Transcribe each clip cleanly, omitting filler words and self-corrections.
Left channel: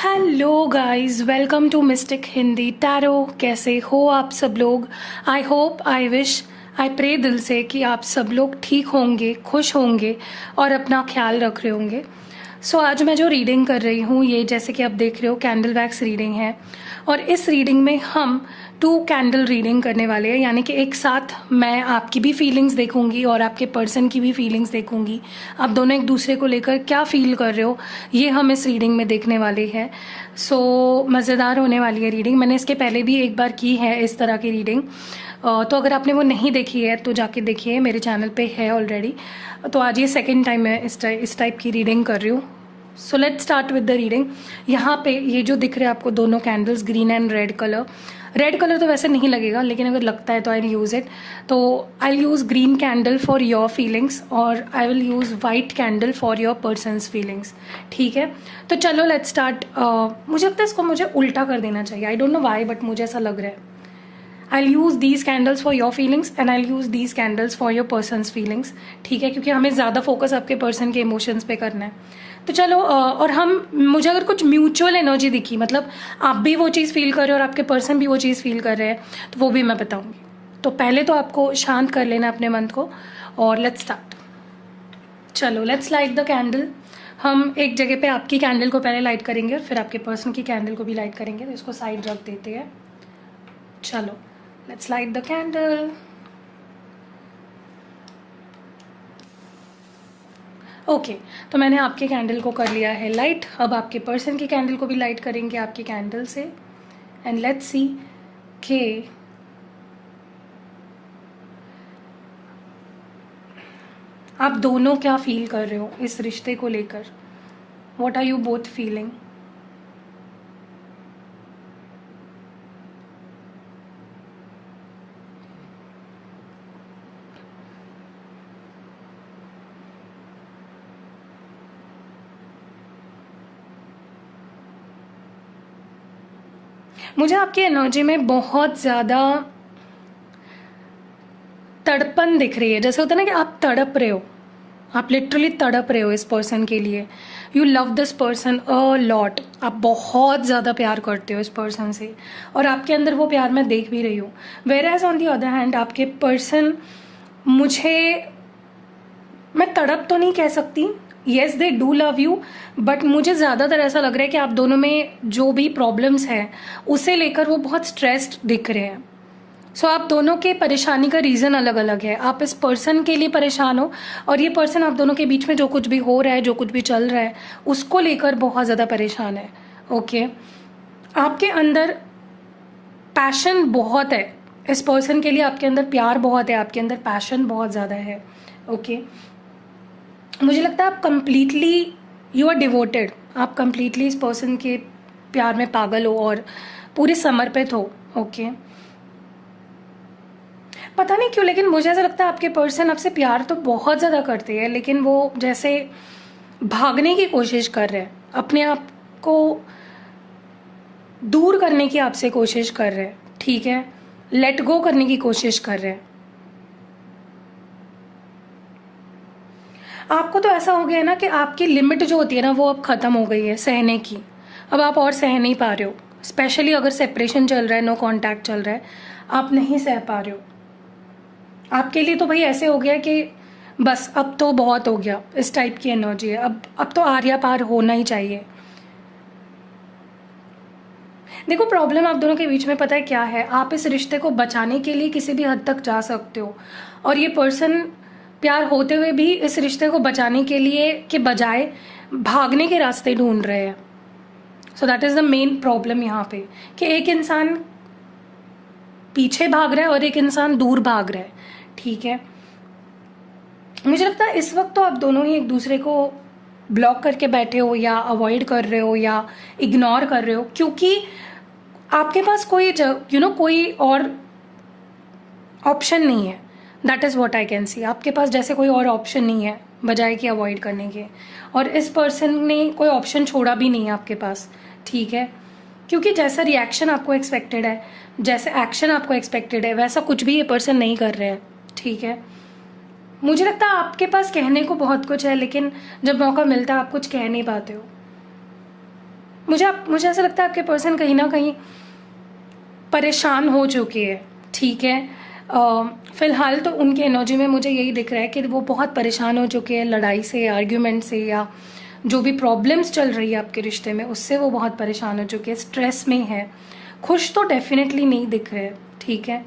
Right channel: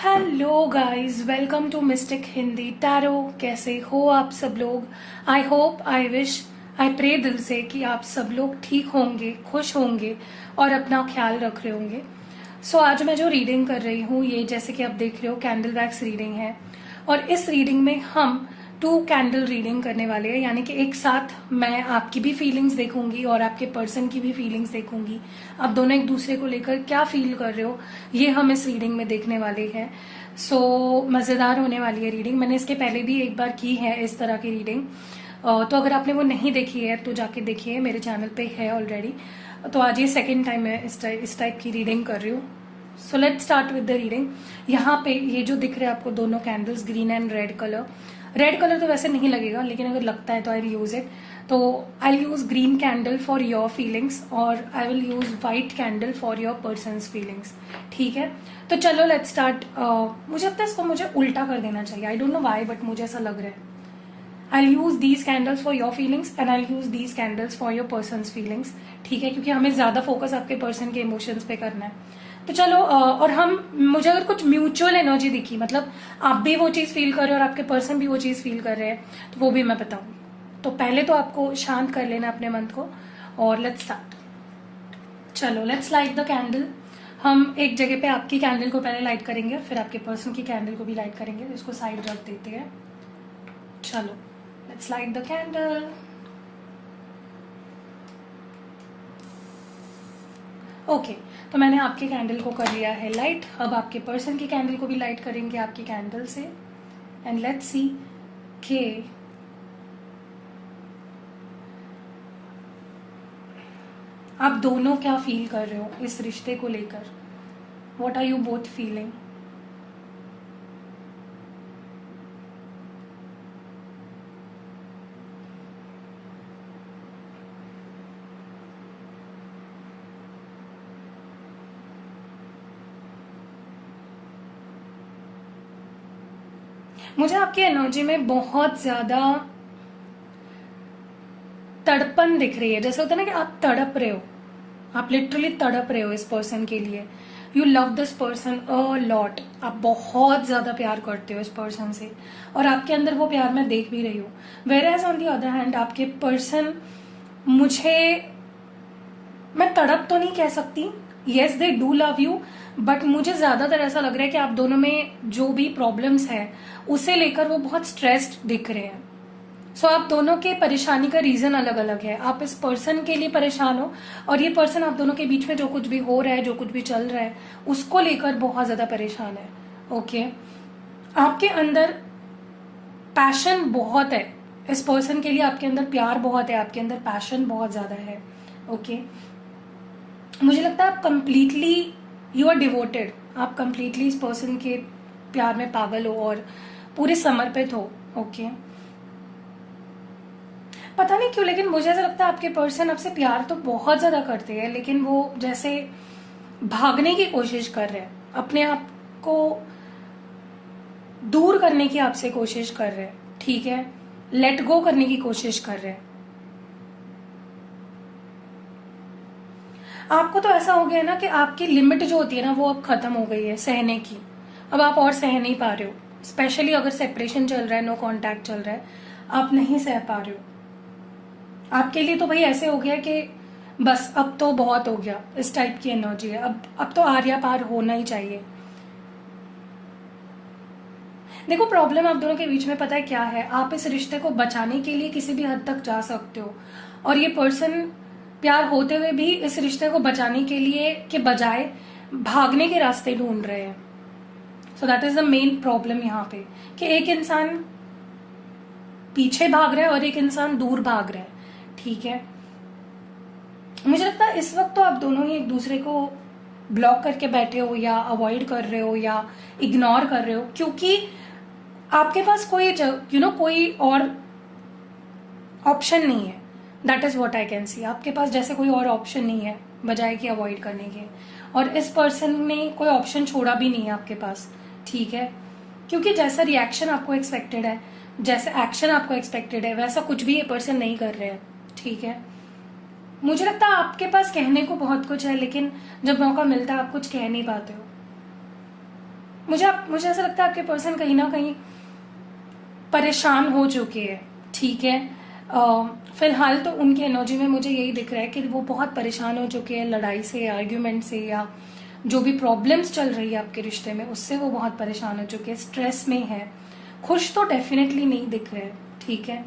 Hello guys, welcome to mystic Hindi tarot. कैसे हो आप सब लोग? I hope, I wish, I pray दिल से कि आप सब लोग ठीक होंगे, खुश होंगे और अपना ख्याल रख रहे होंगे। आज मैं जो रीडिंग कर रही हूँ, ये जैसे कि आप देख रहे हो कैंडल वैक्स रीडिंग है। और इस रीडिंग में हम 2 कैंडल रीडिंग करने वाले हैं, यानी कि एक साथ मैं आपकी भी फीलिंग्स देखूंगी और आपके पर्सन की भी फीलिंग्स देखूंगी। आप दोनों एक दूसरे को लेकर क्या फील कर रहे हो, ये हम इस रीडिंग में देखने वाले हैं। मज़ेदार होने वाली है रीडिंग। मैंने इसके पहले भी एक बार की है इस तरह की रीडिंग, तो अगर आपने वो नहीं देखी है तो जाके देखिए, मेरे चैनल पे है ऑलरेडी। तो आज ये सेकेंड टाइम मैं इस टाइप की रीडिंग कर रही हूँ। So let's start with the reading. यहाँ पे ये जो दिख रहे हैं आपको दोनों candles, green and red colour. Red colour तो वैसे नहीं लगेगा, लेकिन अगर लगता है तो आई विल यूज इट। तो I will use green candle for your feelings और I will use white candle for your persons feelings. ठीक है, तो चलो लेट्स स्टार्ट। मुझे लगता है इसको मुझे उल्टा कर देना चाहिए। I don't know why, but मुझे ऐसा लग रहा है। I'll use these candles for your feelings and I'll use these candles for your person's feelings। ठीक है, क्योंकि हमें ज़्यादा फोकस आपके पर्सन के इमोशंस पे करना है। तो चलो, और मुझे अगर कुछ म्यूचुअल एनर्जी दिखी, मतलब आप भी वो चीज़ फील कर रहे हो और आपके पर्सन भी वो चीज़ फील कर रहे हैं, तो वो भी मैं बताऊंगी। तो पहले तो आपको शांत कर लेना अपने मन को और लेट्स स्टार्ट। चलो लेट्स लाइट द कैंडल। हम एक जगह पे आपकी कैंडल को पहले लाइट करेंगे और फिर आपके पर्सन की कैंडल को भी लाइट करेंगे। तो इसको साइड रख देते हैं। चलो let's light the candle। Okay, तो मैंने आपके कैंडल को कर लिया है लाइट। अब आपके पर्सन की कैंडल को भी लाइट करेंगे आपकी कैंडल से। एंड लेट्स सी के आप दोनों क्या फील कर रहे हो इस रिश्ते को लेकर। What are you both feeling? मुझे आपकी एनर्जी में बहुत ज्यादा तड़पन दिख रही है। जैसे होता है ना कि आप तड़प रहे हो, आप लिटरली तड़प रहे हो इस पर्सन के लिए। You love this person a lot. आप बहुत ज्यादा प्यार करते हो इस पर्सन से और आपके अंदर वो प्यार मैं देख भी रही हूँ। Whereas on the other hand आपके पर्सन, मैं तड़प तो नहीं कह सकती, yes they do love you, but मुझे ज्यादातर ऐसा लग रहा है कि आप दोनों में जो भी प्रॉब्लम्स है उसे लेकर वो बहुत स्ट्रेस्ड दिख रहे हैं। आप दोनों के परेशानी का रीजन अलग अलग है। आप इस पर्सन के लिए परेशान हो और ये पर्सन आप दोनों के बीच में जो कुछ भी हो रहा है, जो कुछ भी चल रहा है, उसको लेकर बहुत ज्यादा परेशान है। ओके, आपके अंदर पैशन बहुत है इस पर्सन के लिए, आपके अंदर प्यार बहुत है, आपके अंदर पैशन बहुत ज्यादा है। ओके, मुझे लगता है आप कंप्लीटली यू आर डिवोटेड। आप कंप्लीटली इस पर्सन के प्यार में पागल हो और पूरे समर्पित हो। ओके, पता नहीं क्यों, लेकिन मुझे ऐसा लगता है आपके पर्सन आपसे प्यार तो बहुत ज्यादा करते हैं, लेकिन वो जैसे भागने की कोशिश कर रहे हैं, अपने आप को दूर करने की आपसे कोशिश कर रहे हैं। ठीक है, लेट गो करने की कोशिश कर रहे हैं। आपको तो ऐसा हो गया ना कि आपकी लिमिट जो होती है ना, वो अब खत्म हो गई है सहने की। अब आप और सह नहीं पा रहे हो, स्पेशली अगर सेपरेशन चल रहा है, नो कांटेक्ट चल रहा है, आप नहीं सह पा रहे हो। आपके लिए तो भाई ऐसे हो गया कि बस अब तो बहुत हो गया, इस टाइप की एनर्जी है। अब तो आर्या पार होना ही चाहिए। देखो, प्रॉब्लम आप दोनों के बीच में पता है क्या है? आप इस रिश्ते को बचाने के लिए किसी भी हद तक जा सकते हो और ये पर्सन प्यार होते हुए भी इस रिश्ते को बचाने के लिए के बजाय भागने के रास्ते ढूंढ रहे हैं। So that is the main problem यहाँ पे, कि एक इंसान पीछे भाग रहा है और एक इंसान दूर भाग रहा है। ठीक है, मुझे लगता है इस वक्त तो आप दोनों ही एक दूसरे को ब्लॉक करके बैठे हो या अवॉइड कर रहे हो या इग्नोर कर रहे हो, क्योंकि आपके पास कोई कोई और ऑप्शन नहीं है। That is what I can see. आपके पास जैसे कोई और ऑप्शन नहीं है बजाय कि अवॉइड करने के, और इस पर्सन ने कोई ऑप्शन छोड़ा भी नहीं है आपके पास। ठीक है, क्योंकि जैसा रिएक्शन आपको एक्सपेक्टेड है, जैसे एक्शन आपको एक्सपेक्टेड है, वैसा कुछ भी ये पर्सन नहीं कर रहे हैं। ठीक है, मुझे लगता है आपके पास कहने को बहुत कुछ है, लेकिन जब मौका मिलता है आप कुछ कह नहीं पाते हो। मुझे ऐसा लगता है आपके पर्सन कहीं ना कहीं परेशान हो चुके हैं, ठीक है। फिलहाल तो उनकी एनर्जी में मुझे यही दिख रहा है कि वो बहुत परेशान हो चुके हैं लड़ाई से, आर्ग्यूमेंट से, या जो भी प्रॉब्लम्स चल रही है आपके रिश्ते में उससे वो बहुत परेशान हो चुके हैं, स्ट्रेस में है। खुश तो डेफिनेटली नहीं दिख रहे, ठीक है,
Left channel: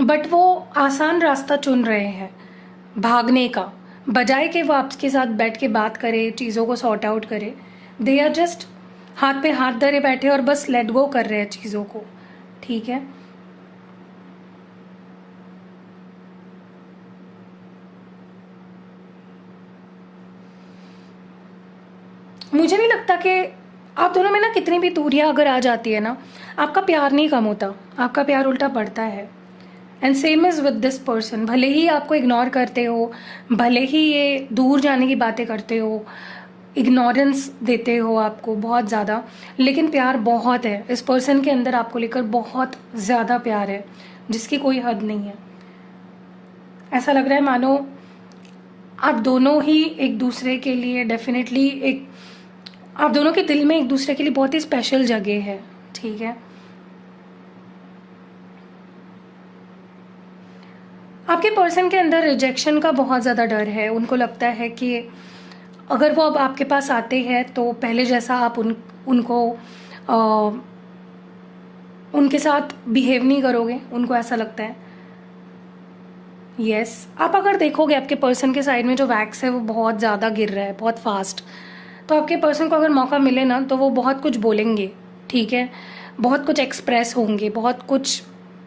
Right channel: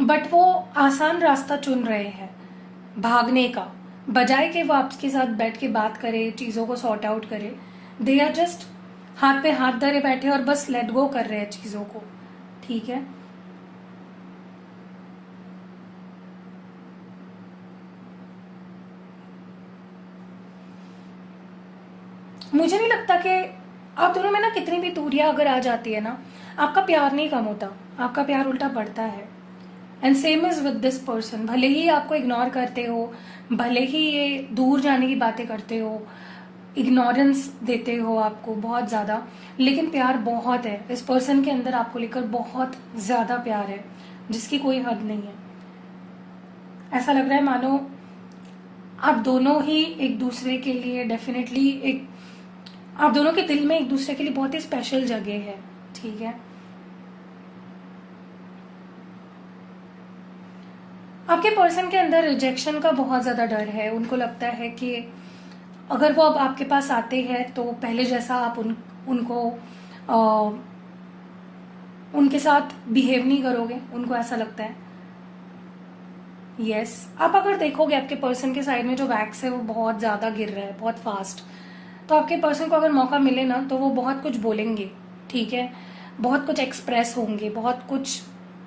बट वो आसान रास्ता चुन रहे हैं भागने का, बजाय कि वो आपके साथ बैठ के बात करे, चीजों को सॉर्ट आउट करे। दे आर जस्ट हाथ पे हाथ धरे बैठे और बस लेट गो कर रहे हैं चीजों को, ठीक है। मुझे नहीं लगता कि आप दोनों में ना कितनी भी दूरियां अगर आ जाती है ना, आपका प्यार नहीं कम होता, आपका प्यार उल्टा बढ़ता है। And same is with this person, भले ही आपको इग्नोर करते हो, भले ही ये दूर जाने की बातें करते हो, इग्नोरेंस देते हो आपको बहुत ज्यादा, लेकिन प्यार बहुत है इस पर्सन के अंदर, आपको लेकर बहुत ज्यादा प्यार है जिसकी कोई हद नहीं है। ऐसा लग रहा है मानो आप दोनों ही एक दूसरे के लिए डेफिनेटली आप दोनों के दिल में एक दूसरे के लिए बहुत ही स्पेशल जगह है, ठीक है। आपके पर्सन के अंदर रिजेक्शन का बहुत ज्यादा डर है। उनको लगता है कि अगर वो अब आपके पास आते हैं तो पहले जैसा आप उनको उनके साथ बिहेव नहीं करोगे, उनको ऐसा लगता है। यस, आप अगर देखोगे आपके पर्सन के साइड में जो वैक्स है वो बहुत ज्यादा गिर रहा है, बहुत फास्ट। तो आपके पर्सन को अगर मौका मिले ना तो वो बहुत कुछ बोलेंगे, ठीक है, बहुत कुछ एक्सप्रेस होंगे, बहुत कुछ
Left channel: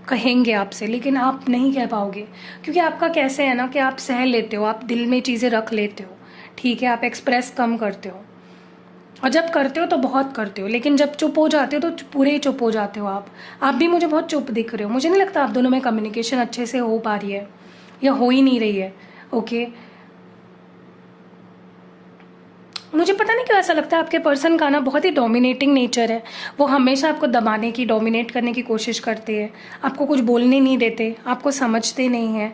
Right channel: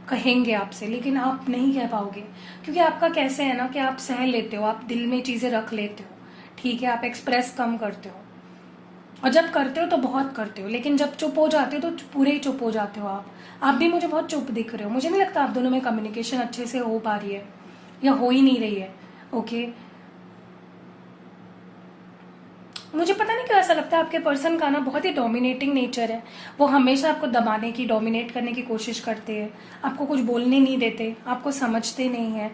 कहेंगे आपसे, लेकिन आप नहीं कह पाओगे क्योंकि आपका कैसे है ना कि आप सह लेते हो, आप दिल में चीजें रख लेते हो, ठीक है, आप एक्सप्रेस कम करते हो, और जब करते हो तो बहुत करते हो, लेकिन जब चुप हो जाते हो तो पूरे ही चुप हो जाते हो आप भी मुझे बहुत चुप दिख रहे हो। मुझे नहीं लगता आप दोनों में कम्युनिकेशन अच्छे से हो पा रही है या हो ही नहीं रही है, ओके। मुझे पता नहीं क्यों ऐसा लगता है आपके पर्सन का ना बहुत ही डोमिनेटिंग नेचर है। वो हमेशा आपको दबाने की, डोमिनेट करने की कोशिश करते हैं, आपको कुछ बोलने नहीं देते, आपको समझते नहीं है।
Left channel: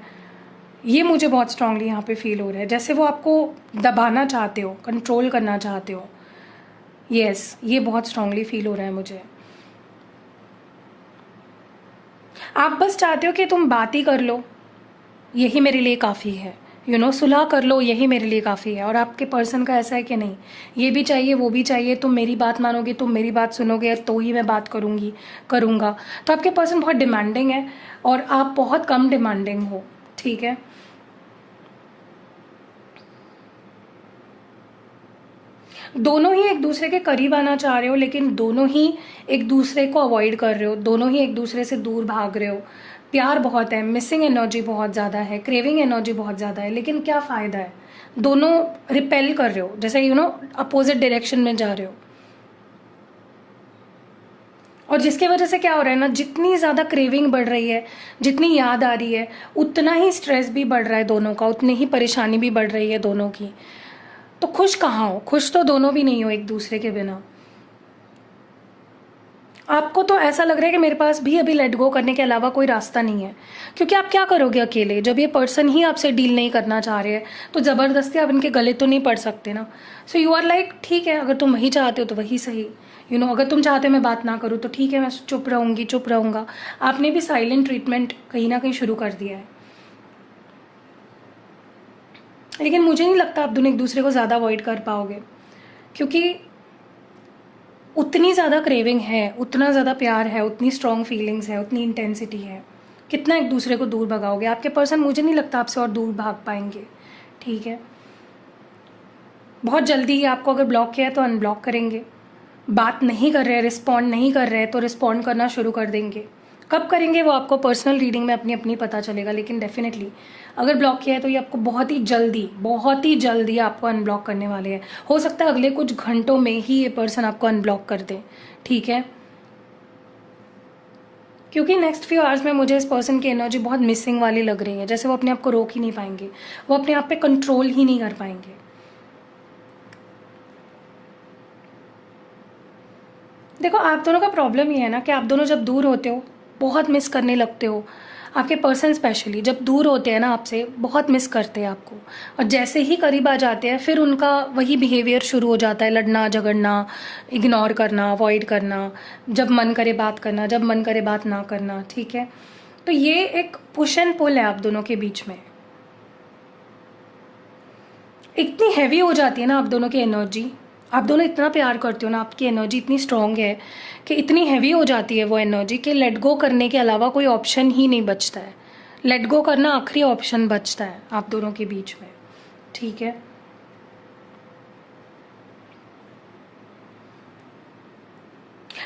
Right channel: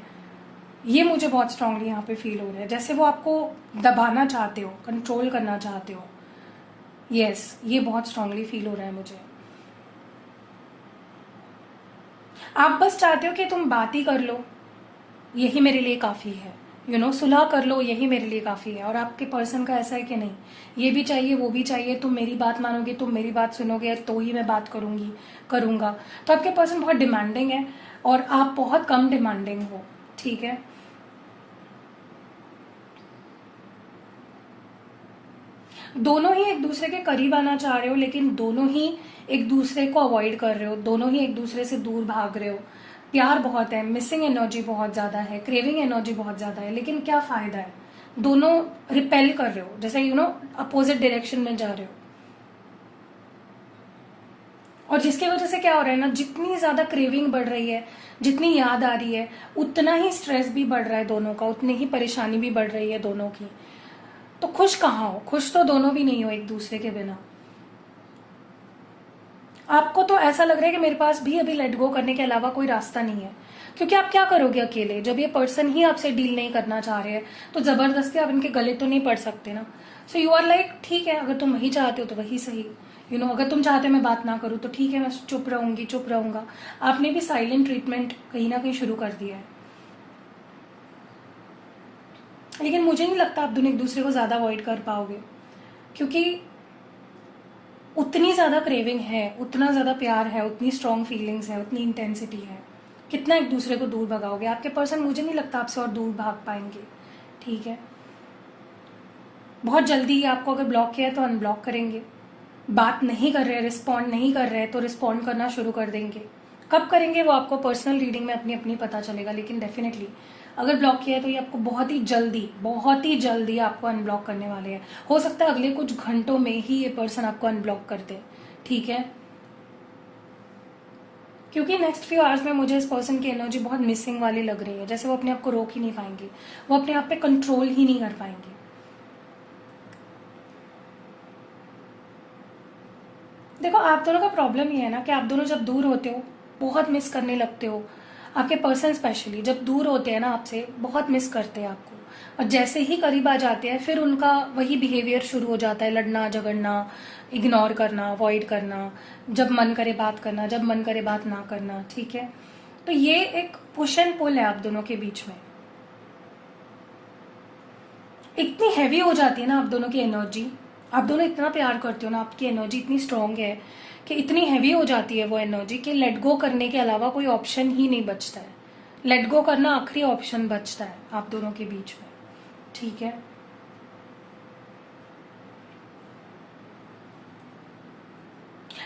ये मुझे बहुत स्ट्रांगली यहाँ पे फील हो रहा है, जैसे वो आपको दबाना चाहते हो, कंट्रोल करना चाहते हो। यस, ये बहुत स्ट्रांगली फील हो रहा है मुझे। आप बस चाहते हो कि तुम बात ही कर लो, यही मेरे लिए काफी है, सुलह कर लो, यही मेरे लिए काफी है। और आपके पर्सन का ऐसा है कि नहीं, ये भी चाहिए वो भी चाहिए, तुम मेरी बात मानोगे, तुम मेरी बात सुनोगे तो ही मैं बात करूंगा। तो आपके पर्सन बहुत डिमांडिंग है और आप बहुत कम डिमांडिंग हो, ठीक है। दोनों ही एक दूसरे के करीब आना चाह रहे हो, लेकिन दोनों ही एक दूसरे को अवॉइड कर रहे हो, दोनों ही एक दूसरे से दूर भाग रहे हो। प्यार बहुत है, मिसिंग एनर्जी बहुत ज्यादा है, क्रेविंग एनर्जी बहुत ज्यादा है, लेकिन क्या फायदा है, दोनों रिपेल कर रहे हो, जैसे अपोजिट डायरेक्शन में जा रहे हो। और जिसकी वजह से क्या हो रहा है ना, जितनी ज्यादा क्रेविंग बढ़ रही है, जितनी याद आ रही है, उतना ही स्ट्रेस भी बढ़ रहा है दोनों का, उतनी ही परेशानी भी बढ़ रही है दोनों की। तो खुश कहाँ हो, खुश तो दोनों भी नहीं हो एक दूसरे के बिना। आपको तो ऐसा लग रहा है कि मेरे पास भी अभी लेट गो करने के अलावा कोई रास्ता नहीं है, क्योंकि आप क्या करोगे अकेले, जब ये पर्सन ही आपसे डील नहीं करना चाह रहे हैं तो जबरदस्ती आप इनके गले तो नहीं पड़ सकते ना। सो यू आर लाइक, ठीक है, अगर तुम वही चाहते हो तो वही सही, अगर तुम चाहते हो मैं बात ना करूँ तो ठीक है, मैं चुप रहूंगी, चुप रहूंगा। आपने भी साइलेंट ट्रीटमेंट कहीं ना कहीं शुरू कर दिया है, लेकिन मुझे नहीं लगता आप दोनों एक दूसरे को ज्यादा अवॉइड कर पाओगे, क्योंकि उतनी ज्यादा क्रेविंग है, उतना ज्यादा प्यार है, उतनी स्ट्रॉन्ग फीलिंग्स है, उतनी इंटेंसिटी है, कितना एक दूसरे को दूर भगाओगे। आपके पर्सन मुझे नहीं लगता आपसे और दूर भाग पाएंगे, ठीक है। बहुत जल्दी ही आपको अगर ब्लॉक किया है तो अनब्लॉक करेंगे, बात नहीं कर रहे, रिस्पॉन्ड नहीं कर रहे तो रिस्पॉन्ड करना शुरू कर देंगे। कब करेंगे वो आपको पर्सनल रीडिंग में अपनी अपनी पता चलेगा, लेकिन डेफिनेटली अगर ब्लॉक किया है तो ये आपको बहुत ही जल्दी आपको अनब्लॉक करने वाले हैं। हो सकता है अगले कुछ घंटों में ही ये पर्सन आपको अनब्लॉक कर दे, ठीक है, क्योंकि नेक्स्ट फ्यू आवर्स में मुझे इस पर्सन की एनर्जी बहुत मिसिंग वाली लग रही है, जैसे वो अपने आप को रोक ही नहीं पाएंगे, वो अपने आप पे कंट्रोल ही नहीं कर पाएंगे। देखो, आप दोनों का प्रॉब्लम ये है ना कि आप दोनों जब दूर होते हो बहुत मिस करने लगते हो, आपके पर्सन स्पेशली जब दूर होते हैं ना आपसे, बहुत मिस करते हैं आपको, और जैसे ही करीब आ जाते हैं फिर उनका वही बिहेवियर शुरू हो जाता है, लड़ना झगड़ना, इग्नोर करना, अवॉइड करना, जब मन करे बात करना, जब मन करे बात ना करना। ठीक है, तो ये एक पुश एंड पुल है आप दोनों के बीच में। इतनी हैवी हो जाती है ना आप दोनों की एनर्जी, आप दोनों इतना प्यार करते हो ना, आपकी एनर्जी इतनी स्ट्रांग है कि इतनी हैवी हो जाती है वो एनर्जी कि लेट गो करने के अलावा कोई ऑप्शन ही नहीं बचता है। लेट गो करना आखिरी ऑप्शन बचता है आप दोनों के बीच में। ठीक है,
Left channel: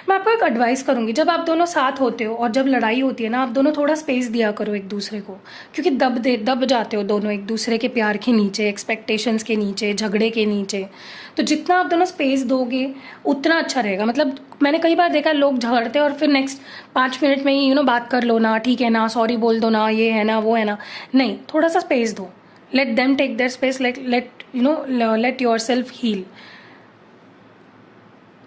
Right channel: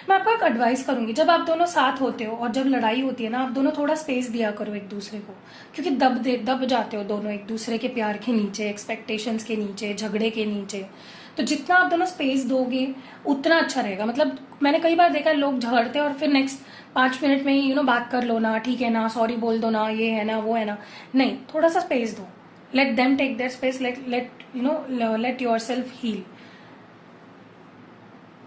मैं आपको एक एडवाइस करूंगी, जब आप दोनों साथ होते हो और जब लड़ाई होती है ना, आप दोनों थोड़ा स्पेस दिया करो एक दूसरे को, क्योंकि दब जाते हो दोनों एक दूसरे के प्यार के नीचे, एक्सपेक्टेशंस के नीचे, झगड़े के नीचे। तो जितना आप दोनों स्पेस दोगे उतना अच्छा रहेगा। मतलब मैंने कई बार देखा लोग झगड़ते हैं और फिर नेक्स्ट 5 मिनट में ही बात कर लो ना, ठीक है ना, सॉरी बोल दो ना, ये है ना, वो है ना। नहीं, थोड़ा सा स्पेस दो, let them take their space, let yourself heal.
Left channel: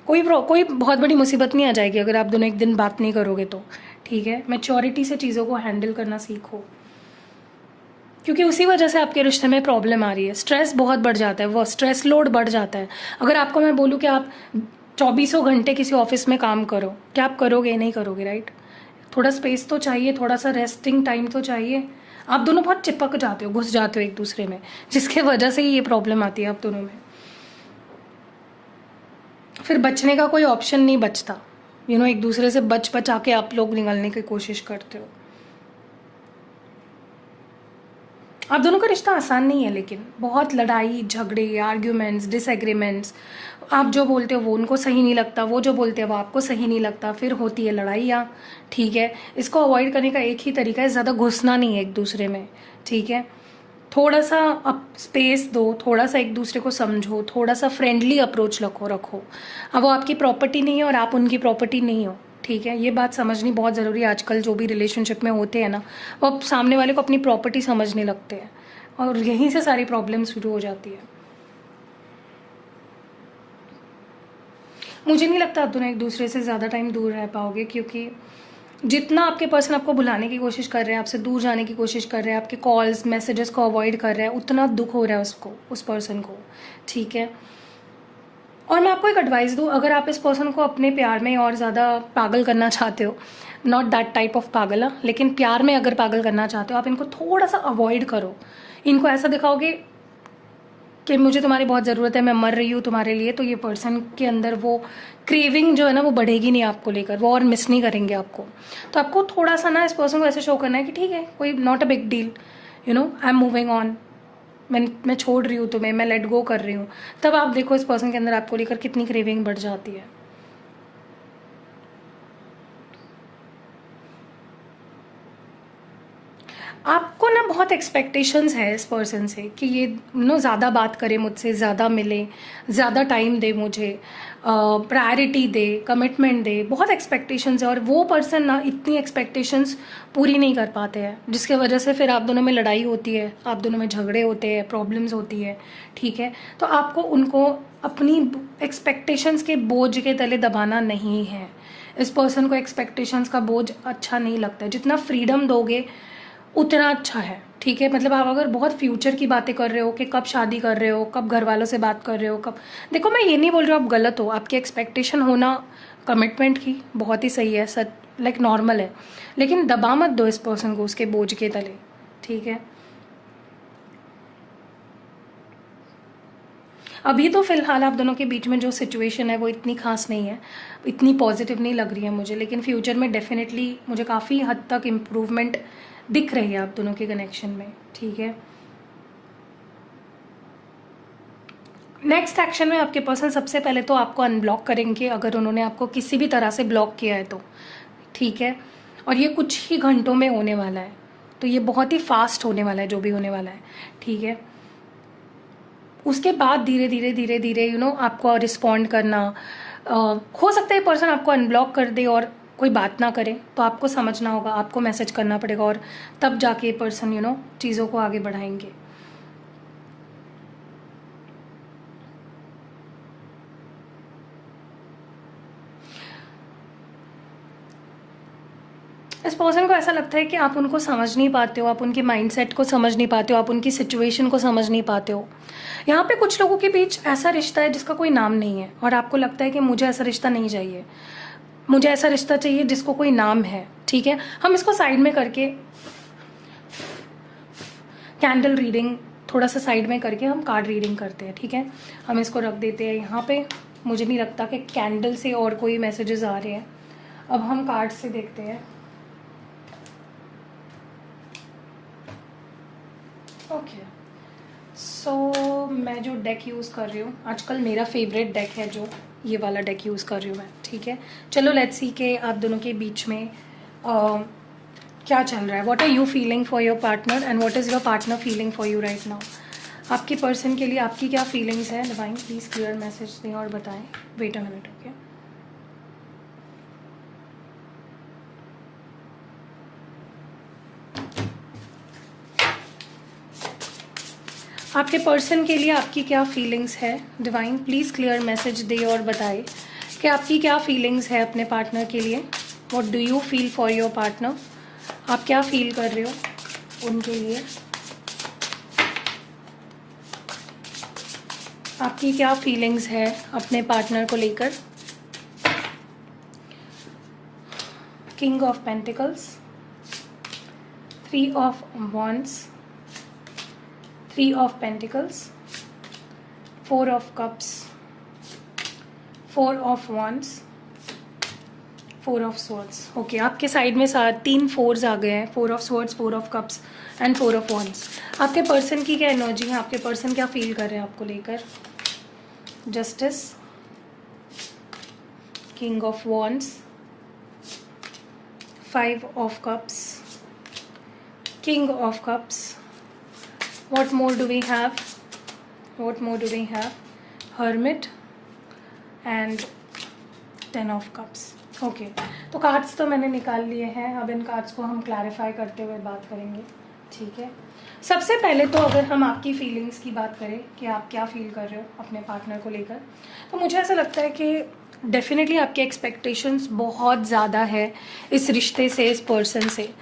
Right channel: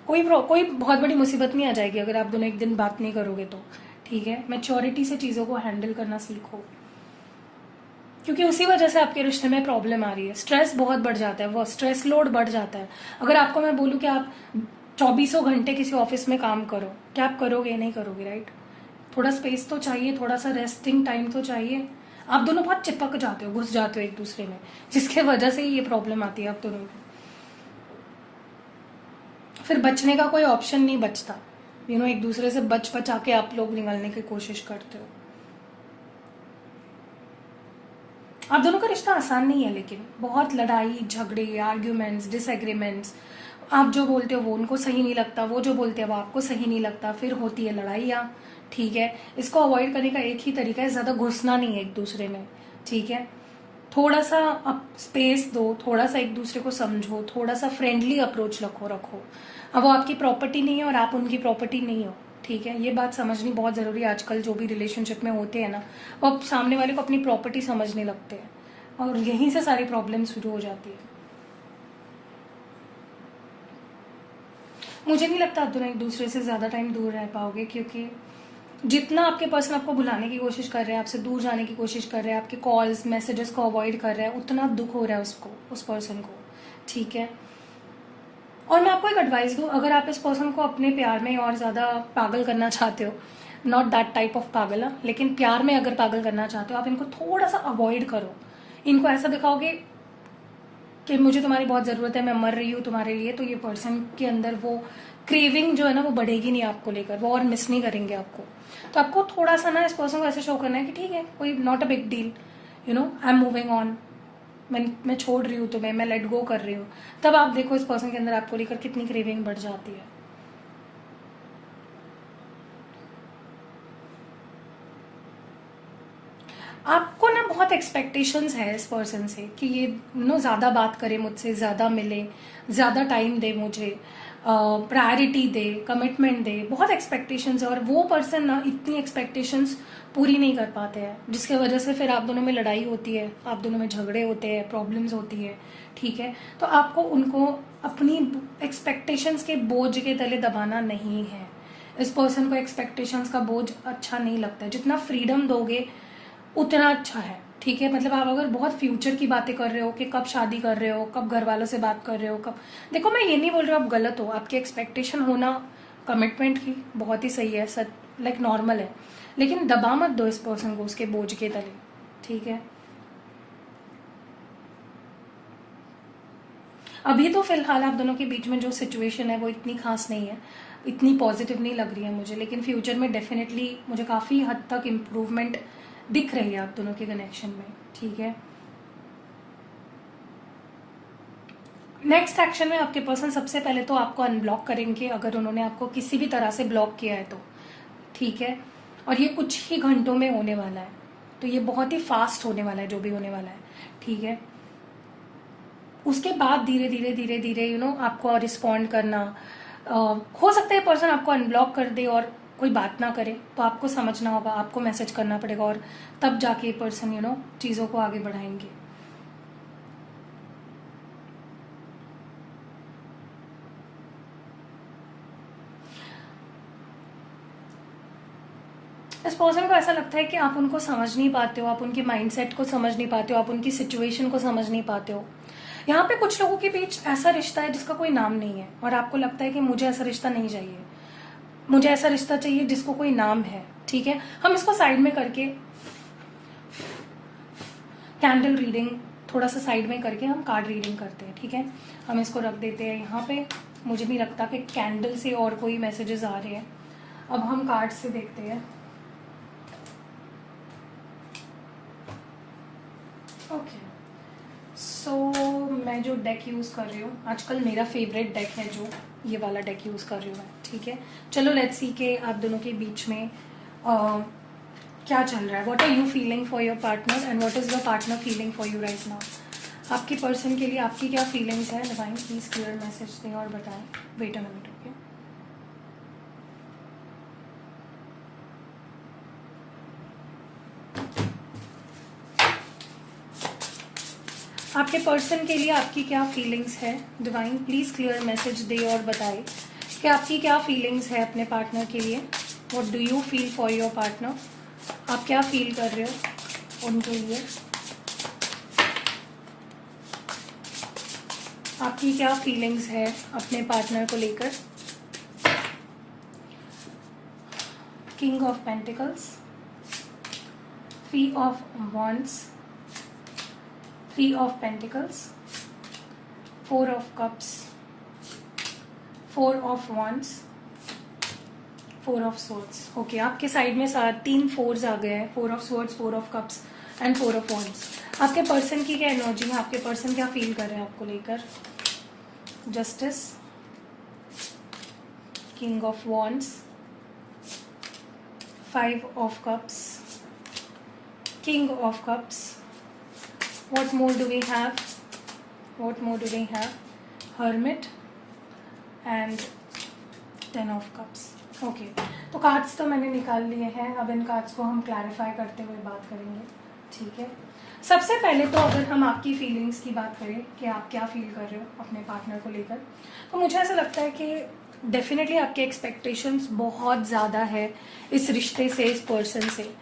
कोई बहुत बड़ी मुसीबत नहीं आ जाएगी अगर आप दोनों एक दिन बात नहीं करोगे तो। ठीक है, मैच्योरिटी से चीज़ों को हैंडल करना सीखो, क्योंकि उसी वजह से आपके रिश्ते में प्रॉब्लम आ रही है। स्ट्रेस बहुत बढ़ जाता है, वो स्ट्रेस लोड बढ़ जाता है। अगर आपको मैं बोलूँ कि आप 24 घंटे किसी ऑफिस में काम करो, क्या आप करोगे? नहीं करोगे, राइट? थोड़ा स्पेस तो चाहिए, थोड़ा सा रेस्टिंग टाइम तो चाहिए। आप दोनों बहुत चिपक जाते हो, घुस जाते हो एक दूसरे में, जिसके वजह से ही ये प्रॉब्लम आती है आप दोनों में। फिर बचने का कोई ऑप्शन नहीं बचता। एक दूसरे से बच आके आप लोग निकलने की कोशिश करते हो। आप दोनों का रिश्ता आसान नहीं है, लेकिन बहुत लड़ाई झगड़े, आर्ग्यूमेंट्स, डिसएग्रीमेंट्स, आप जो बोलते हो वो उनको सही नहीं लगता, वो जो बोलते हैं वो आपको सही नहीं लगता, फिर होती है लड़ाइयाँ। ठीक है, इसको अवॉइड करने का एक ही तरीका है, ज़्यादा घुसना नहीं है एक दूसरे में। ठीक है, थोड़ा सा आप स्पेस दो, थोड़ा सा एक दूसरे को समझो, थोड़ा सा फ्रेंडली अप्रोच रखो। अब वो आपकी प्रॉपर्टी नहीं है और आप उनकी प्रॉपर्टी नहीं हो। ठीक है, ये बात समझनी बहुत ज़रूरी है। आजकल जो भी रिलेशनशिप में होते हैं ना, वो अब सामने वाले को अपनी प्रॉपर्टी समझने लगते हैं, और यहीं से सारी प्रॉब्लम शुरू हो जाती है। मुझे नहीं लगता आप दोनों एक दूसरे से ज़्यादा टाइम दूर रह पाओगे, क्योंकि जितना आपके पर्सन आपको भुलाने की कोशिश कर रहे हैं, आपसे दूर जाने की कोशिश कर रहे हैं, आपके कॉल्स मैसेजेस को अवॉइड कर रहे हैं, उतना दुख हो रहा है उसको, उस पर्सन को। ठीक है, और मैं आपको एक एडवाइस दूँ, अगर आप इस पर्सन को अपने प्यार में और ज़्यादा पागल करना चाहते हो, नॉट दैट टाइप ऑफ पागल, लेकिन प्यार में अगर पागल करना चाहते हो, आप इनको थोड़ा सा अवॉइड करो। इनको ऐसा दिखाओगे कि मुझे तुम्हारी बहुत ज़रूरत है, मैं मर रही हूँ तुम्हारे लिए, तो ये पर्सन के अंदर वो क्रेविंग जो है ना, वो बढ़ेगी नहीं आपको लेकर, वो और मिस नहीं करेंगे आपको। तो आपको थोड़ा सा ना इस पर्सन को ऐसे शो करना है कि ठीक है, कोई not a big deal, I am moving on, मैं छोड़ रही हूँ तुम्हें, मैं लेट गो कर रही हूँ। तब आप देखो इस पर्सन के अंदर आपको लेकर कितनी क्रेविंग बढ़ जाती है। आपको ना बहुत एक्सपेक्टेशंस है इस पर्सन से कि ये ज़्यादा बात करे मुझसे, ज़्यादा मिले, ज़्यादा टाइम दे मुझे, प्रायोरिटी दे, कमिटमेंट दे, बहुत एक्सपेक्टेशंस है। और वो पर्सन ना इतनी एक्सपेक्टेशंस पूरी नहीं कर पाते हैं, जिसके वजह से फिर आप दोनों में लड़ाई होती है, आप दोनों में झगड़े होते हैं, प्रॉब्लम्स होती है। ठीक है, तो आपको उनको अपनी एक्सपेक्टेशंस के बोझ के तले दबाना नहीं है। इस पर्सन को एक्सपेक्टेशंस का बोझ अच्छा नहीं लगता है। जितना फ्रीडम दोगे उतना अच्छा है। ठीक है, मतलब आप अगर बहुत फ्यूचर की बातें कर रहे हो कि कब शादी कर रहे हो, कब घर वालों से बात कर रहे हो, कब, देखो मैं ये नहीं बोल रही हूँ आप गलत हो, आपकी एक्सपेक्टेशन होना कमिटमेंट की बहुत ही सही है, लाइक नॉर्मल है, लेकिन दबा मत दो इस पर्सन को उसके बोझ के तले। ठीक है, अभी तो फिलहाल आप दोनों के बीच में जो सिचुएशन है वो इतनी खास नहीं है, इतनी पॉजिटिव नहीं लग रही है मुझे, लेकिन फ्यूचर में डेफिनेटली मुझे काफ़ी हद तक इम्प्रूवमेंट दिख रही है आप दोनों के कनेक्शन में। ठीक है, नेक्स्ट एक्शन में आपके पर्सन सबसे पहले तो आपको अनब्लॉक करेंगे, अगर उन्होंने आपको किसी भी तरह से ब्लॉक किया है तो। ठीक है, और ये कुछ ही घंटों में होने वाला है, तो ये बहुत ही फास्ट होने वाला है जो भी होने वाला है। ठीक है, उसके बाद धीरे धीरे धीरे धीरे आपको रिस्पॉन्ड करना, हो सकता है पर्सन आपको अनब्लॉक कर दे और कोई बात ना करे, तो आपको समझना होगा, आपको मैसेज करना पड़ेगा, और तब जाके पर्सन चीज़ों को आगे बढ़ाएंगे। इस पर्सन को ऐसा लगता है कि आप उनको समझ नहीं पाते हो, आप उनके माइंडसेट को समझ नहीं पाते हो, आप उनकी सिचुएशन को समझ नहीं पाते हो। यहाँ पे कुछ लोगों के बीच ऐसा रिश्ता है जिसका कोई नाम नहीं है और आपको लगता है कि मुझे ऐसा रिश्ता नहीं चाहिए, मुझे ऐसा रिश्ता चाहिए जिसको कोई नाम है। ठीक है, हम इसको साइड में करके कैंडल रीडिंग थोड़ा सा साइड में करके हम कार्ड रीडिंग करते हैं। ठीक है, हम इसको रख देते हैं यहाँ पे। मुझे नहीं लगता कि कैंडल से और कोई मैसेजेस आ रहे हैं। अब हम कार्ड से देखते हैं। ओके, सो मैं जो डेक यूज कर रही हूँ आजकल, मेरा फेवरेट डेक है जो ये वाला डेक यूज कर रही हूँ मैं। ठीक है, चलो लेट्स सी के आप दोनों के बीच में क्या चल रहा है। What are you feeling for your partner and what is your partner feeling for you right now. आपके पर्सन के लिए आपकी क्या फीलिंग्स है। डिवाइन प्लीज क्लियर मैसेज दें और बताएं। Wait a minute. ओके, आपके पर्सन के लिए आपकी क्या फीलिंग्स है। डिवाइन प्लीज क्लियर मैसेज दे और बताए कि आपकी क्या फीलिंग्स है अपने पार्टनर के लिए। What do you feel for your partner. आप क्या फील कर रहे हो उनके लिए, आपकी क्या फीलिंग्स है अपने पार्टनर को लेकर। King of pentacles, 3 of wands, 3 of pentacles, 4 of cups, 4 of wands, 4 of swords। Okay, आपके साइड में 3 4s आ गए हैं। 4 of swords, 4 of cups and 4 of wands। आपके पर्सन की क्या एनर्जी है, आपके पर्सन क्या फील कर रहे हैं आपको लेकर। Justice, king of wands, 5 of cups, king of cups. What more do we have? What more do we have? Hermit and 10 of cups. Okay, तो कार्ड्स तो मैंने निकाल लिए हैं। अब इन कार्ड्स को हम क्लैरिफाई करते हुए बात करेंगे। ठीक है, सबसे पहले तो अगर हम आपकी फीलिंग्स की बात करें कि आप क्या फील कर रहे हो अपने पार्टनर को लेकर, तो मुझे ऐसा लगता है कि डेफिनेटली आपके एक्सपेक्टेशंस बहुत ज़्यादा है इस रिश्ते से, इस पर्सन से।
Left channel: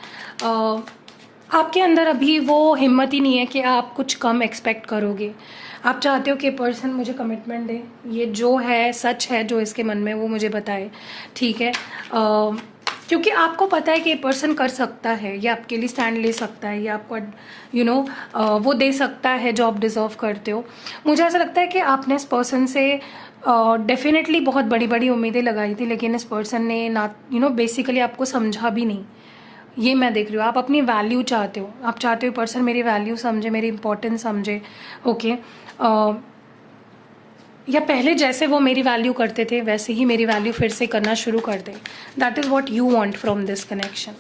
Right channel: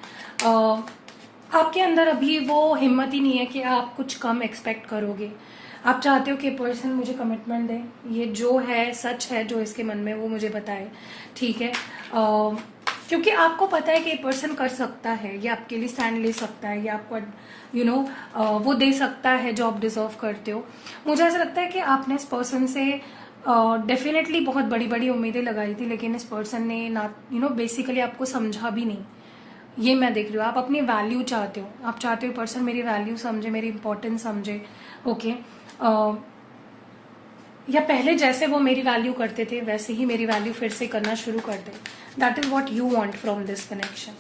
आपके अंदर अभी वो हिम्मत ही नहीं है कि आप कुछ कम एक्सपेक्ट करोगे। आप चाहते हो कि पर्सन मुझे कमिटमेंट दे, ये जो है सच है जो इसके मन में वो मुझे बताए। ठीक है, क्योंकि आपको पता है कि ये पर्सन कर सकता है, ये आपके लिए स्टैंड ले सकता है, ये आपको वो दे सकता है जो आप डिजर्व करते हो। मुझे ऐसा लगता है कि आपने इस पर्सन से डेफिनेटली बहुत बड़ी बड़ी उम्मीदें लगाई थी, लेकिन इस पर्सन ने ना बेसिकली आपको समझा भी नहीं। ये मैं देख रही हूँ, आप अपनी वैल्यू चाहते हो, आप चाहते हो पर्सन मेरी वैल्यू समझे, मेरी इंपॉर्टेंस समझे। ओके, या पहले जैसे वो मेरी वैल्यू करते थे वैसे ही मेरी वैल्यू फिर से करना शुरू कर दे। That is what you want from this connection.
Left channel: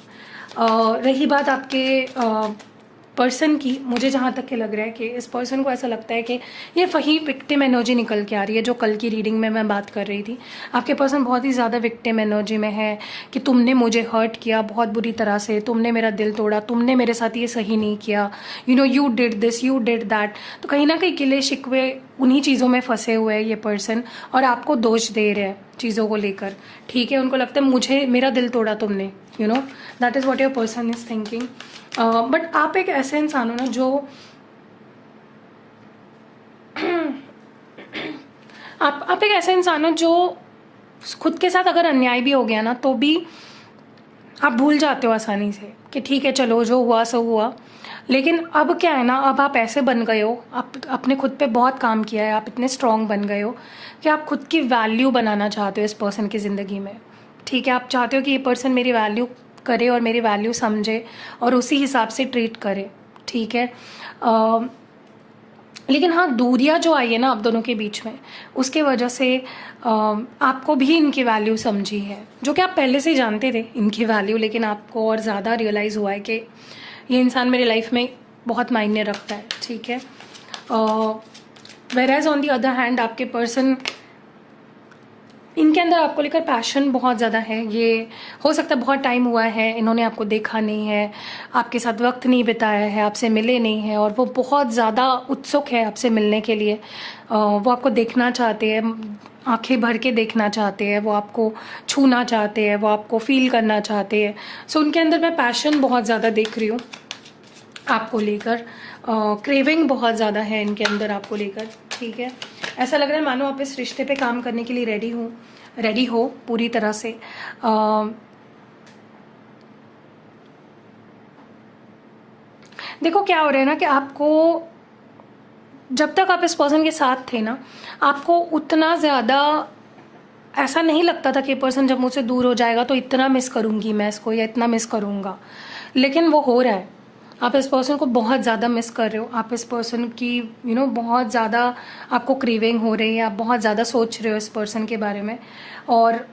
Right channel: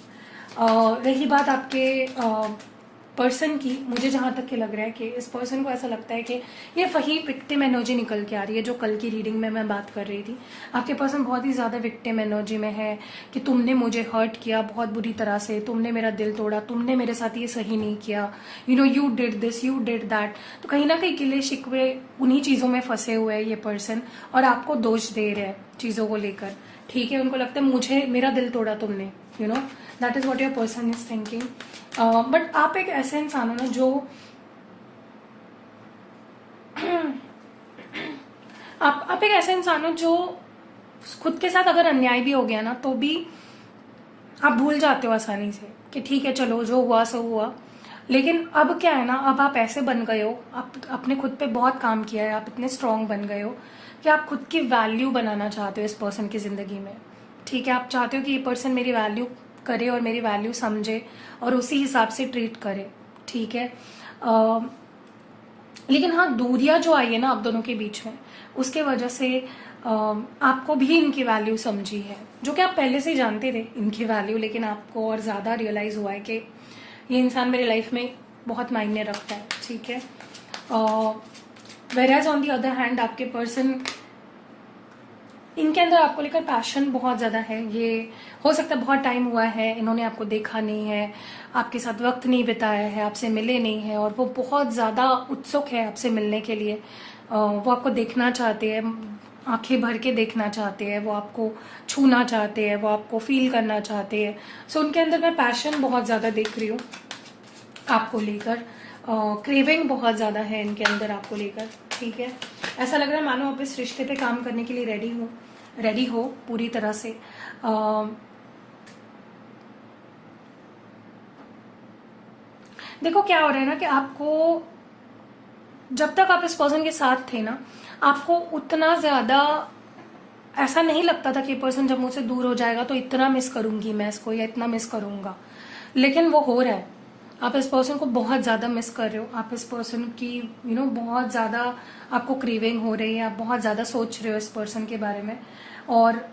रही बात आपके पर्सन की, मुझे जहाँ तक के लग रहा है कि इस पर्सन को ऐसा लगता है कि ये वही विक्टिम एनर्जी निकल के आ रही है जो कल की रीडिंग में मैं बात कर रही थी। आपके पर्सन बहुत ही ज़्यादा विक्टिम एनर्जी में है कि तुमने मुझे हर्ट किया बहुत बुरी तरह से, तुमने मेरा दिल तोड़ा, तुमने मेरे साथ ये सही नहीं किया, you did this, you did that. तो कहीं ना कहीं गिले शिकवे उन्हीं चीज़ों में फंसे हुए हैं ये पर्सन और आपको दोष दे रहे हैं चीज़ों को लेकर। ठीक है, उनको लगता है मुझे मेरा दिल तोड़ा तुमने, that is what your person is thinking. But आप एक ऐसे इंसान हो ना जो आप एक ऐसे इंसान हो जो खुद के साथ अगर अन्याय भी हो गया ना तो भी आप भूल जाते हो आसानी से कि ठीक है चलो जो हुआ सो हुआ। लेकिन अब क्या है ना, अब आप ऐसे बन गए हो, आप अपने खुद पे बहुत काम किया है, आप इतने स्ट्रांग बन गए हो कि आप खुद की वैल्यू बनाना चाहते हो इस पर्सन की ज़िंदगी में। ठीक है, आप चाहते हो कि ये पर्सन मेरी वैल्यू करे और मेरी वैल्यू समझे और उसी हिसाब से ट्रीट करे। ठीक है, लेकिन हाँ, दूरियां जो आई है ना आप दोनों के बीच में, उसके वजह से आपको भी इनकी वैल्यू समझी है, जो कि आप पहले से जानते थे इनकी वैल्यू, लेकिन आपको और ज़्यादा रियलाइज़ हुआ है कि ये इंसान मेरे लाइफ में बहुत मायने रखता है। ठीक है, whereas on the other hand आपके पर्सन, इनके अंदर आपको लेकर पैशन बहुत ज़्यादा है। ये हो सकता है बहुत टाइम हुआ है इन्होंने आपको देखा नहीं है, आपके साथ वक्त नहीं बिताया है, आपसे मिले नहीं हैं और वो बहुत ज़्यादा उत्सुक है आपसे मिलने के लिए। वो आपको देखना चाहते हैं, आंखें भर के देखना चाहते हैं, वो आपको छूना चाहते हैं, वो आपको फील करना चाहते हैं। सो उनके अंदर मैं पैशन बहुत ज़्यादा देख रही हूँ आपको लेकर, क्रेविंग बहुत ज़्यादा है इनके अंदर आपको लेकर, ठीक है। ऐसा लग रहा है मानो आप इस रिश्ते पे काम करने के लिए रेडी हो पूरी तरह से। देखो क्या हो रहा है ना कि आपको जब तक आप इस पर्सन के साथ थे ना, आपको उतना ज़्यादा ऐसा नहीं लगता था कि पर्सन जब मुझसे दूर हो जाएगा तो इतना मिस करूंगी मैं इसको या इतना मिस करूंगा, लेकिन वो हो रहा है। आप इस पर्सन को बहुत ज़्यादा मिस कर रहे हो, आप इस पर्सन की बहुत ज़्यादा आपको क्रेविंग हो रही है, आप बहुत ज़्यादा सोच रहे हो इस पर्सन के बारे में, और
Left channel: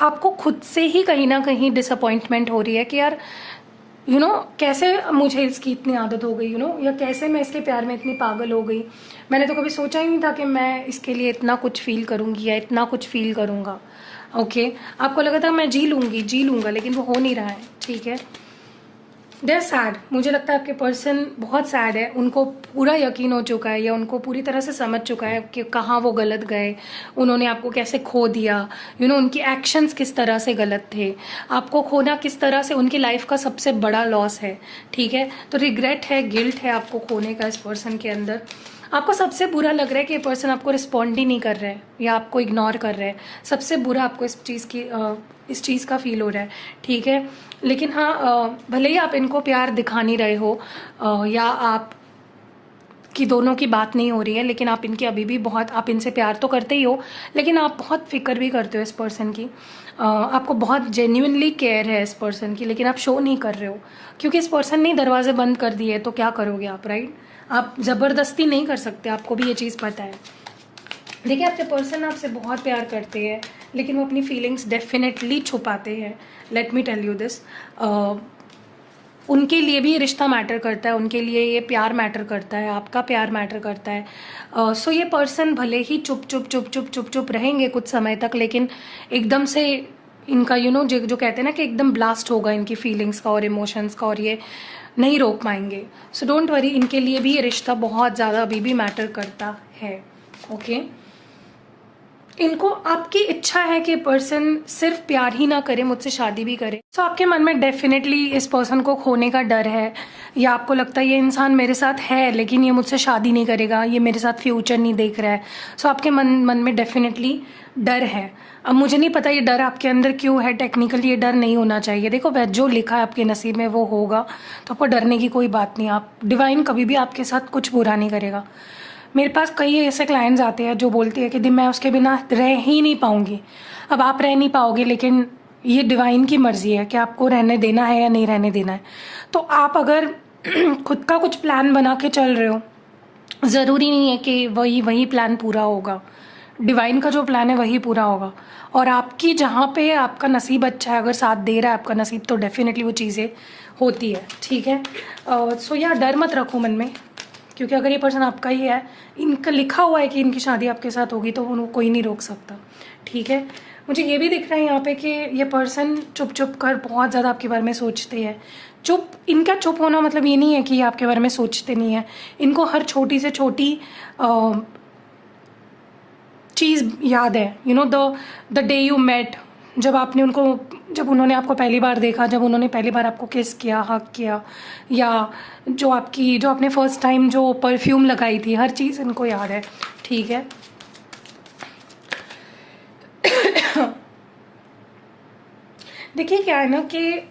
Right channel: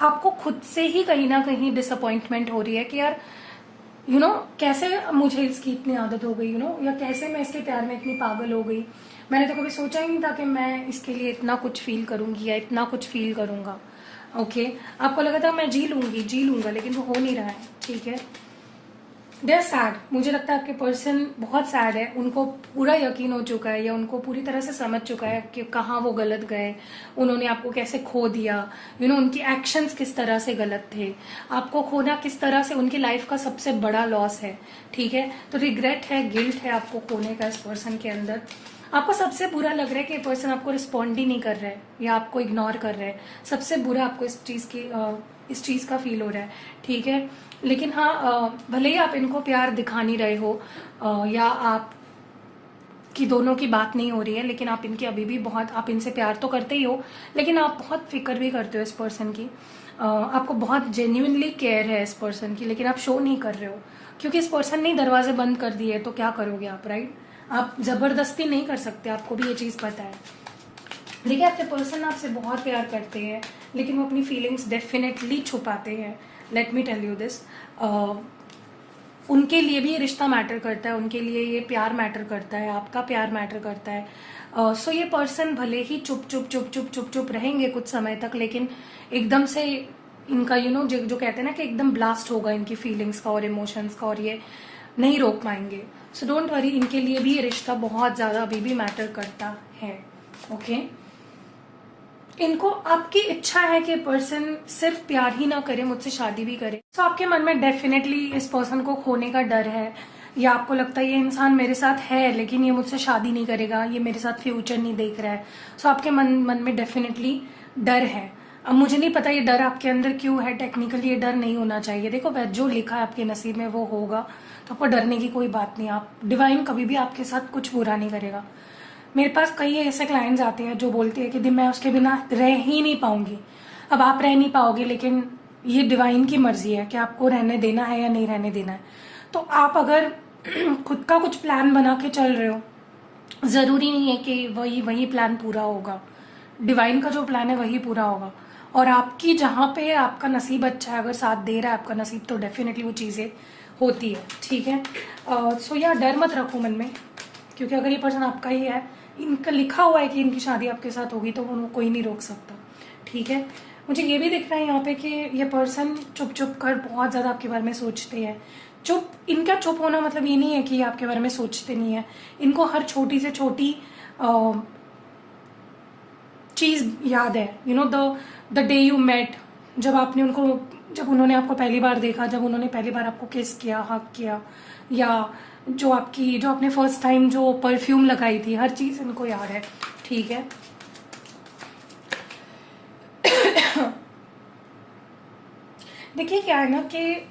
आपको खुद से ही कहीं ना कहीं डिसअपॉइंटमेंट हो रही है कि यार कैसे मुझे इसकी इतनी आदत हो गई, या कैसे मैं इसके प्यार में इतनी पागल हो गई। मैंने तो कभी सोचा ही नहीं था कि मैं इसके लिए इतना कुछ फील करूंगी या इतना कुछ फील करूंगा। ओके, आपको लगा था मैं जी लूंगा, लेकिन वो हो नहीं रहा है, ठीक है। दे आर सैड, मुझे लगता है आपके पर्सन बहुत सैड है, उनको पूरा यकीन हो चुका है या उनको पूरी तरह से समझ चुका है कि कहाँ वो गलत गए, उन्होंने आपको कैसे खो दिया, उनकी एक्शंस किस तरह से गलत थे, आपको खोना किस तरह से उनकी लाइफ का सबसे बड़ा लॉस है, ठीक है। तो रिग्रेट है, गिल्ट है आपको खोने का इस पर्सन के अंदर। आपको सबसे बुरा लग रहा है कि ये पर्सन आपको रिस्पॉन्ड ही नहीं कर रहा है या आपको इग्नोर कर रहा है, सबसे बुरा आपको इस चीज़ का फील हो रहा है, ठीक है। लेकिन हाँ, भले ही आप इनको प्यार दिखा नहीं रहे हो या आप कि दोनों की बात नहीं हो रही है, लेकिन आप इनके अभी भी बहुत, आप इनसे प्यार तो करते ही हो, लेकिन आप बहुत फिक्र भी करते हो इस पर्सन की। आपको बहुत जेन्युइनली केयर है इस पर्सन की, लेकिन आप शो नहीं कर रहे हो क्योंकि इस पर्सन ने दरवाजे बंद कर दिए, तो क्या करोगे आप, राइट। आप जबरदस्ती नहीं कर सकते, आपको भी ये चीज़ पता है। देखिए आपके पर्सन आपसे बहुत प्यार करते हैं, लेकिन वो अपनी फीलिंग्स डेफिनेटली छुपाते हैं। Let me tell you this, उनके लिए भी ये रिश्ता मैटर करता है, उनके लिए ये प्यार मैटर करता है, आपका प्यार मैटर करता है। सो ये पर्सन भले ही चुप रहेंगे कुछ समय तक, लेकिन एकदम से इनका जो कहते हैं ना कि एकदम ब्लास्ट होगा इनकी फीलिंग्स का और इमोशंस का, और ये नहीं रोक पाएंगे। सो डोंट वरी, इनके लिए भी ये रिश्ता बहुत ज़्यादा अभी भी मैटर करता है, ओके। इनको आपकी इच्छा है कि पर्सन सिर्फ प्यार ही ना करे, मुझसे शादी भी करे। सो आपके मन में डेफिनेटली इस पर्सन को खोने का डर है, या आपको लगता है ये इंसान मेरे साथ है लेकिन ये मुझसे शादी नहीं करेगा, ये मेरे साथ फ्यूचर नहीं देख रहा है। सो आपके मन में डेफिनेटली डर है। अब मुझे नहीं पता ये डर आपके अंदर क्यों है, टेक्निकली ये डर नहीं होना चाहिए। देखो जो लिखा है आपके नसीब में वो होगा, तो आपको डरने की कोई बात नहीं। आप डिवाइन कभी भी आपके साथ कुछ बुरा नहीं करेगा। मेरे पास कई ऐसे क्लाइंट्स आते हैं जो बोलते हैं कि दी मैं उसके बिना रह ही नहीं पाऊंगी। अब आप रह नहीं पाओगे, लेकिन ये डिवाइन की मर्जी है कि आपको रहने देना है या नहीं रहने देना है। तो आप अगर खुद का कुछ प्लान बना के चल रहे हो, ज़रूरी नहीं है कि वही प्लान पूरा होगा। डिवाइन का जो प्लान है वही पूरा होगा, और आपकी जहाँ पे आपका नसीब अच्छा है, अगर साथ दे रहा है आपका नसीब, तो डेफिनेटली वो चीज़ें होती है, ठीक है। सो यार डर मत रखो मन में, क्योंकि अगर ये पर्सन आपका ही है, इनका लिखा हुआ है कि इनकी शादी आपके साथ होगी, तो उनको कोई नहीं रोक सकता, ठीक है। मुझे ये भी दिख रहा है यहाँ पे कि ये पर्सन चुप कर बहुत ज़्यादा आपके बारे में सोचते हैं। इनका चुप होना मतलब ये नहीं है कि ये आपके बारे में सोचते नहीं है। इनको हर छोटी से छोटी चीज़ याद है। द डे यू मेट, जब उन्होंने आपको पहली बार देखा, जब उन्होंने पहली बार आपको किस किया, हक किया, या जो आपने फर्स्ट टाइम जो परफ्यूम लगाई थी, हर चीज़ इनको याद है, ठीक है। देखिए क्या है ना कि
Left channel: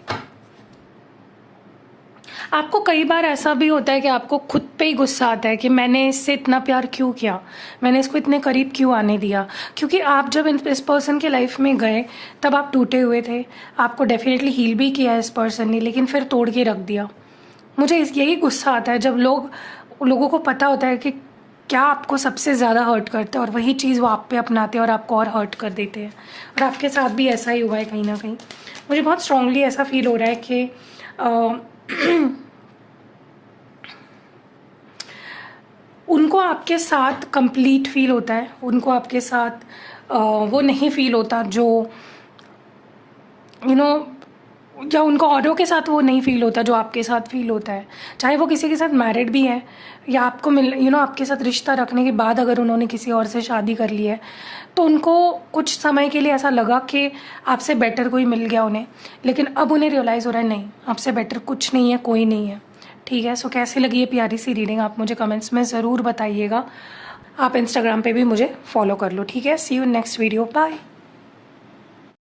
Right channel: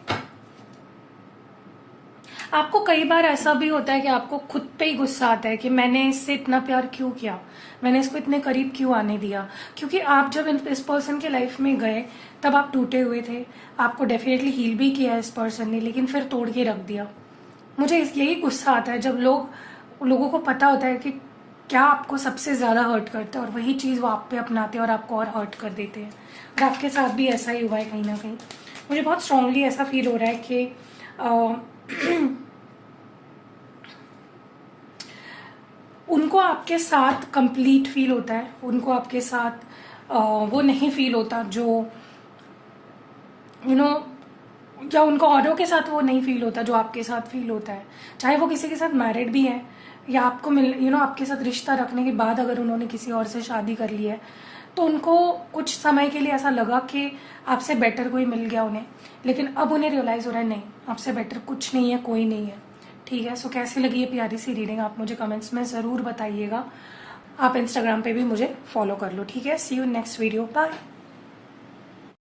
आपको कई बार ऐसा भी होता है कि आपको खुद पे ही गुस्सा आता है कि मैंने इससे इतना प्यार क्यों किया, मैंने इसको इतने करीब क्यों आने दिया। क्योंकि आप जब इस पर्सन के लाइफ में गए तब आप टूटे हुए थे, आपको डेफिनेटली हील भी किया इस पर्सन ने, लेकिन फिर तोड़ के रख दिया। मुझे यही गुस्सा आता है जब लोगों को पता होता है कि क्या आपको सबसे ज़्यादा हर्ट करता है, और वही चीज़ वो आप पे अपनाते हैं और आपको और हर्ट कर देते हैं। और आपके साथ भी ऐसा ही हुआ है कहीं ना कहीं। मुझे बहुत स्ट्रांगली ऐसा फील हो रहा है कि उनको आपके साथ कंप्लीट फील होता है, उनको आपके साथ वो नहीं फील होता जो या उनको औरों के साथ वो नहीं फील होता जो आपके साथ फील होता है, चाहे वो किसी के साथ मैरिड भी है या आपको आपके साथ रिश्ता रखने के बाद अगर उन्होंने किसी और से शादी कर ली है तो उनको कुछ समय के लिए ऐसा लगा कि आपसे बेटर कोई मिल गया उन्हें, लेकिन अब उन्हें रियलाइज़ हो रहा है नहीं, आपसे बेटर कुछ नहीं है, कोई नहीं है। ठीक है, सो कैसी लगी ये प्यारी सी रीडिंग आप मुझे कमेंट्स में ज़रूर बताइएगा। आप इंस्टाग्राम पे भी मुझे फॉलो कर लो। ठीक है, सी यू नेक्स्ट वीडियो, बाय।